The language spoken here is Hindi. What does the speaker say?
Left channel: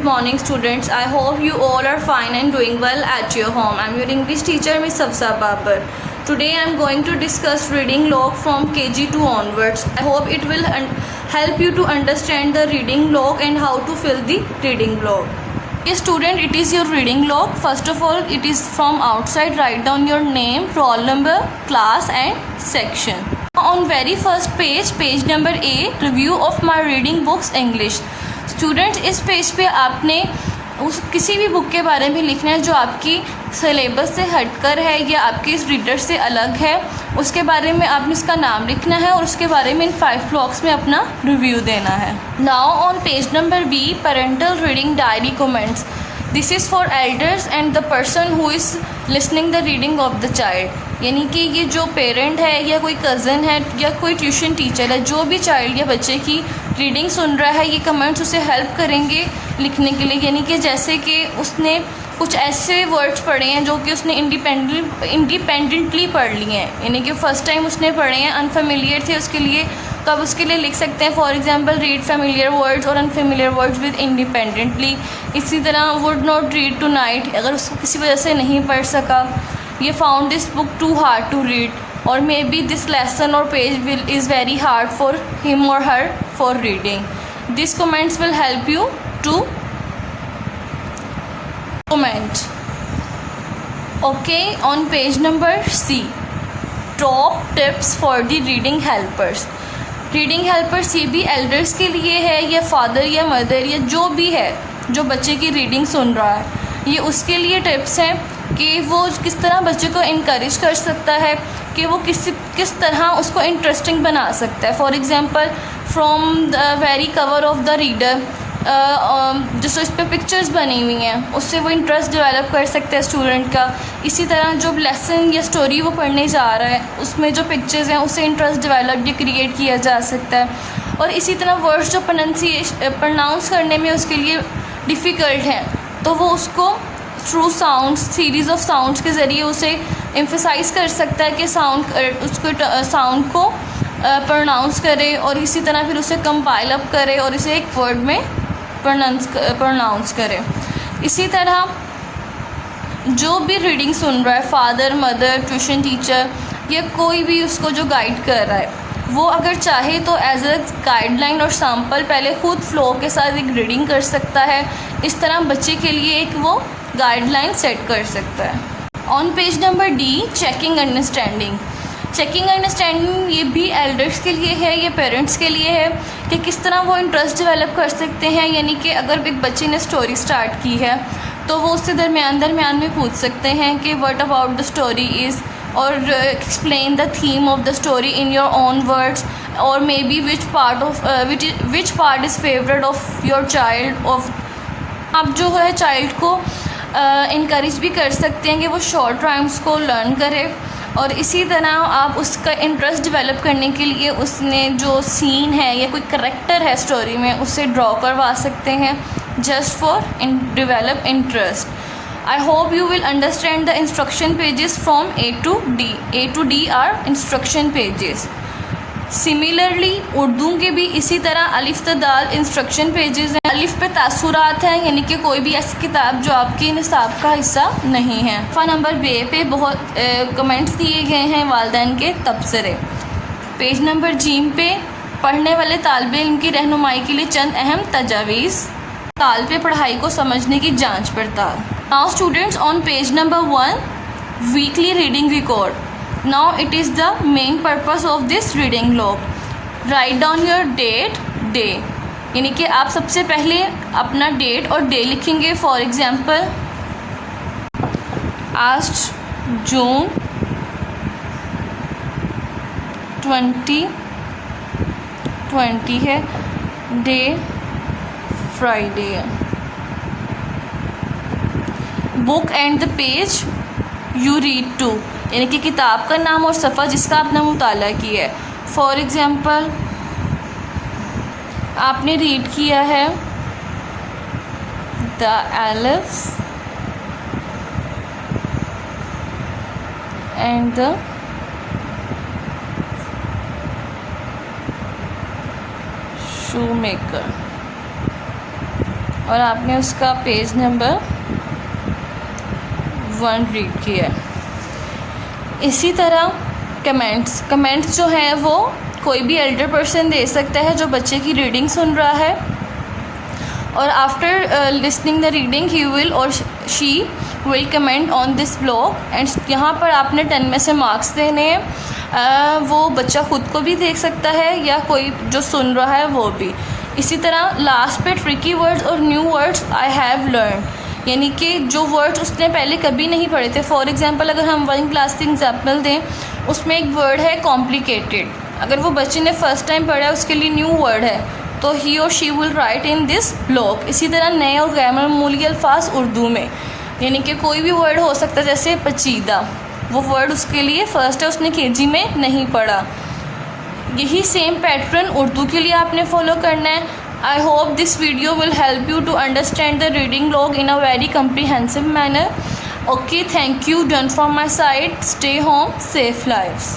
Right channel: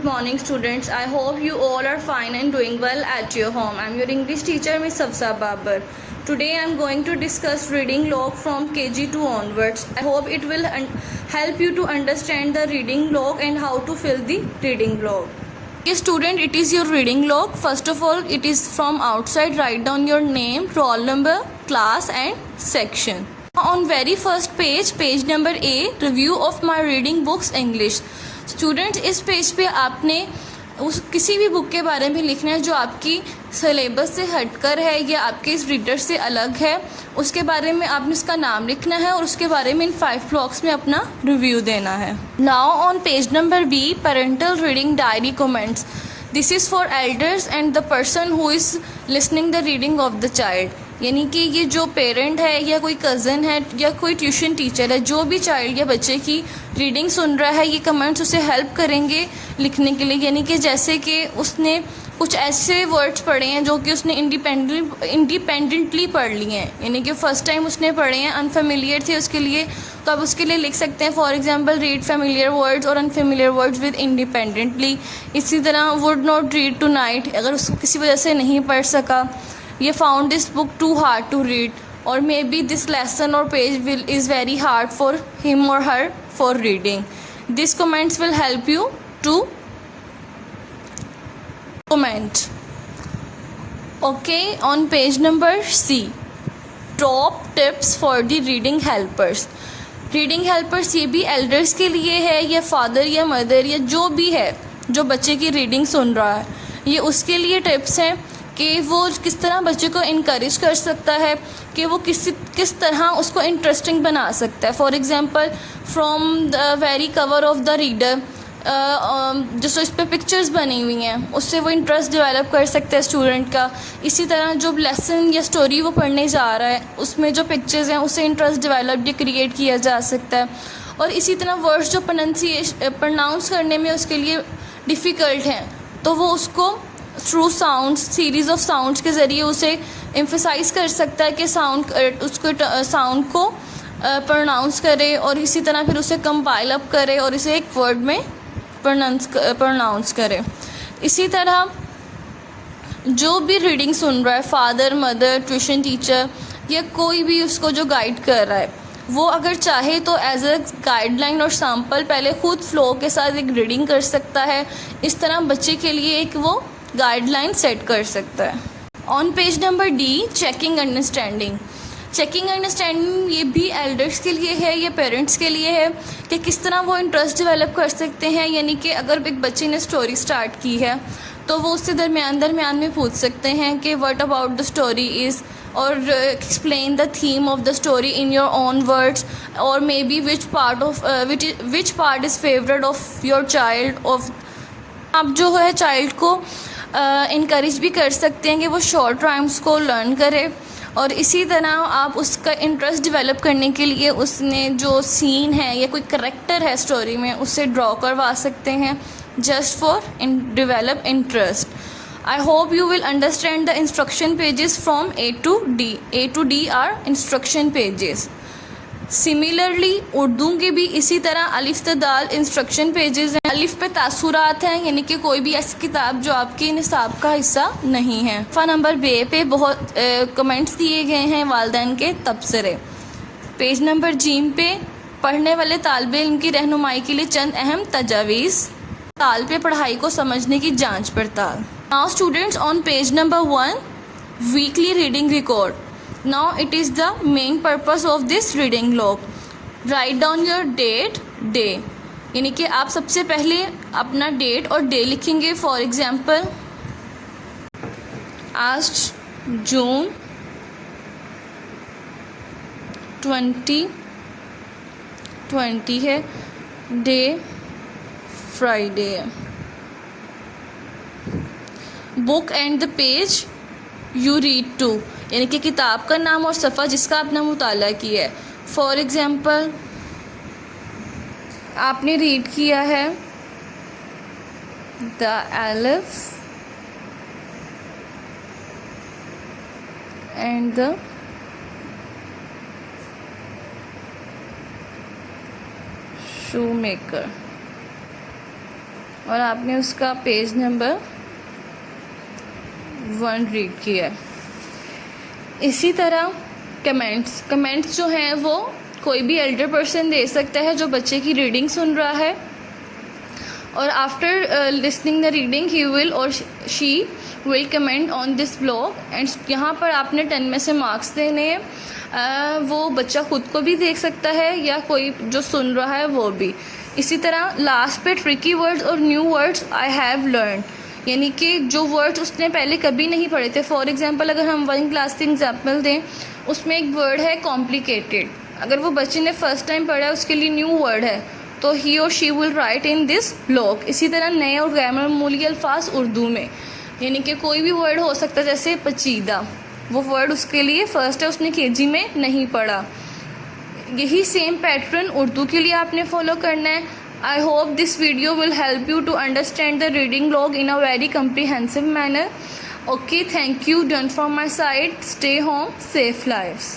good morning students. I hope you all are fine and doing well at your home. I am your English teacher Miss Safsa Babar. Today I am going to discuss reading log from KG2 onwards. I hope it will help you to understand the reading log and how to fill the reading log. Okay student, it is your reading log. First of all, it is from outside. Write down your name, roll number, class and section. On very first page, page number A, review of my reading books English. Students, इस पेज पे आपने उस किसी भी बुक के बारे में लिखना है जो आपकी सिलेबस से हटकर है या आपके इस रीडर से अलग है. उसके बारे में आपने इसका नाम लिखना है और उसके बारे में इन 5 ब्लॉक्स में अपना रिव्यू देना है. Now on page number B, parental reading diary comments. This is for elders and the person who is listening the reading of the child. यानी कि ये जो पेरेंट है या कोई कज़न है या कोई ट्यूशन टीचर है, जो भी चाइल्ड या बच्चे की रीडिंग सुन रहा है, ये कमेंट्स उसे हेल्प करेंगे लिखने के लिए. यानी कि जैसे कि उसने कुछ ऐसे वर्ड्स पढ़े हैं जो कि उसने इंडिपेंडेंटली पढ़ लिए हैं, यानी कि फ़र्स्ट टाइम उसने पढ़े हैं, अनफेमिलियर थे उसके लिए, तो आप उसके लिए लिख सकते हैं for example read familiar words और अनफेमिलियर वर्ड्स विद इंडिपेंडेंटली. इसी तरह would not read tonight, अगर किसी वजह से नहीं पढ़ सका. ये found this book too hard to read, और मे बी दिस लेसन और page is very hard for him और her for reading. This comments will help you to comment. Okay, on page number C, top tips for the reading helpers. Reading helpers ये भी एल्डर्स के लिए है या फादर या मदर या जो भी है जो बच्चे की रीडिंग सुन रहा है, ये उसके लिए टिप्स हैं कि वो किस तरह बच्चे को इनकरेज कर सकता है, कि वो किस तरह उसको इंटरेस्टिंग बना सकता है. For example from the very cover of the reader, जो इस पर पिक्चर्स बनी हुई हैं उससे वो इंटरेस्ट डेवलप कर सकते हैं स्टूडेंट का. इसी तरह जो लेसन या स्टोरी वो पढ़ने जा रहा है उसमें जो पिक्चर्स हैं उससे इंटरेस्ट डेवलप भी क्रिएट किया जा सकता है. और इसी तरह वर्ड्स जो प्रोनाउंस करने में उसके लिए डिफ़िकल्ट हैं, तो वो उसको through sounds, series of sounds के ज़रिए उसे एम्फसाइज कर सकता है कि उसको साउंड को प्रोनाउंस करे, और इसी तरह फिर उसे कंपाइल अप करे और इसे एक वर्ड में प्रोनाउंस करे. इसी तरह जो भी रीडिंग सुन रहा है, फादर मदर ट्यूशन टीचर या कोई भी उसको जो गाइड कर रहा है, वो अगर चाहे तो एज अ गाइडलाइन और सैम्पल पहले खुद फ्लो के साथ एक रीडिंग कर सकता है. इस तरह बच्चे के लिए एक वो गाइडलाइन सेट कर सकता है. On page number D, checking understanding. Checking understanding ये भी एल्डर्स के लिए है, ये पेरेंट्स के लिए है कि किस तरह वो इंटरेस्ट डेवलप कर सकते हैं. यानी कि अगर एक बच्चे ने स्टोरी स्टार्ट की है तो वो उससे दरमियान में पूछ सकते हैं कि what about the story is, और explain the theme of the story in your own words, और maybe which part is favourite of your child. Of आप जो है चाइल्ड को इनकरेज भी कर सकते हैं कि वो शॉर्ट राइम्स को लर्न करे, और इसी तरह आप उसका इंटरेस्ट डेवलप करने के लिए उसने जो सीन है या कोई करैक्टर है स्टोरी में उससे ड्रॉ करवा सकते हैं, just for develop interest. I hope you will understand the instruction pages from A to D. A to D are instruction pages. Similarly Urdu के भी इसी तरह अलिफ त दाल इंस्ट्रक्शन पेजेस हैं. अलिफ पे तासुरात हैं, यानी कि कोई भी ऐसी किताब जो आपके निसाब का हिस्सा नहीं है. नंबर बे पे बहुत कमेंट्स दिए गए हैं वालिदैन के तबसरे. पेज नंबर जीम पे पढ़ने वाले तालिब इल्म की रहनुमाई के लिए चंद अहम तजावीज़. ताल पे पढ़ाई को समझने की जांच पड़ताल. Now students, on page number 1, weekly reading record. Now it is the main purpose of this reading log. Write down your date, day. यानी कि आप सबसे पहले अपना डेट और डे लिखेंगे. फॉर एग्जाम्पल आज जून 2020 है, डे फ्राइडे है. Book and the page you read to, यानी कि किताब का नाम और सफ़ा जिसका आपने मुताला किया है. फॉर एग्ज़ाम्पल आपने रीड किया है the elif and the shoemaker. और आपने उसका पेज नंबर 1 रीड किया। इसी तरह कमेंट्स जो है वो कोई भी एल्डर पर्सन दे सकता है जो बच्चे की रीडिंग सुन रहा है, और after listening the reading he will और she will comment on this blog and यहाँ पर आपने 10 में से मार्क्स देने हैं। वो बच्चा खुद को भी देख सकता है या कोई जो सुन रहा है वो भी। इसी तरह लास्ट पे ट्रिकी वर्ड्स और new words I have learn, यानी कि जो वर्ड्स उसने पहले कभी नहीं पढ़े थे। फॉर एग्जांपल अगर हम 1 क्लास की एग्जांपल दें, उसमें एक वर्ड है कॉम्प्लिकेटेड, अगर वो बच्चे ने फर्स्ट टाइम पढ़ा है उसके लिए न्यू वर्ड है, तो ही और she will write in this blog. इसी तरह नए और गैर मामूली अल्फाज उर्दू में, यानी कि कोई भी वर्ड हो सकता है, जैसे पचीदा, वो वर्ड उसके लिए फ़र्स्ट है, उसने केजी में नहीं पढ़ा। यही सेम पैटर्न उर्दू के लिए आपने फॉलो करना है। I hope this video will help you to understand the reading log in a very comprehensive manner. Okay, thank you. Done from my side. Stay home, safe lives.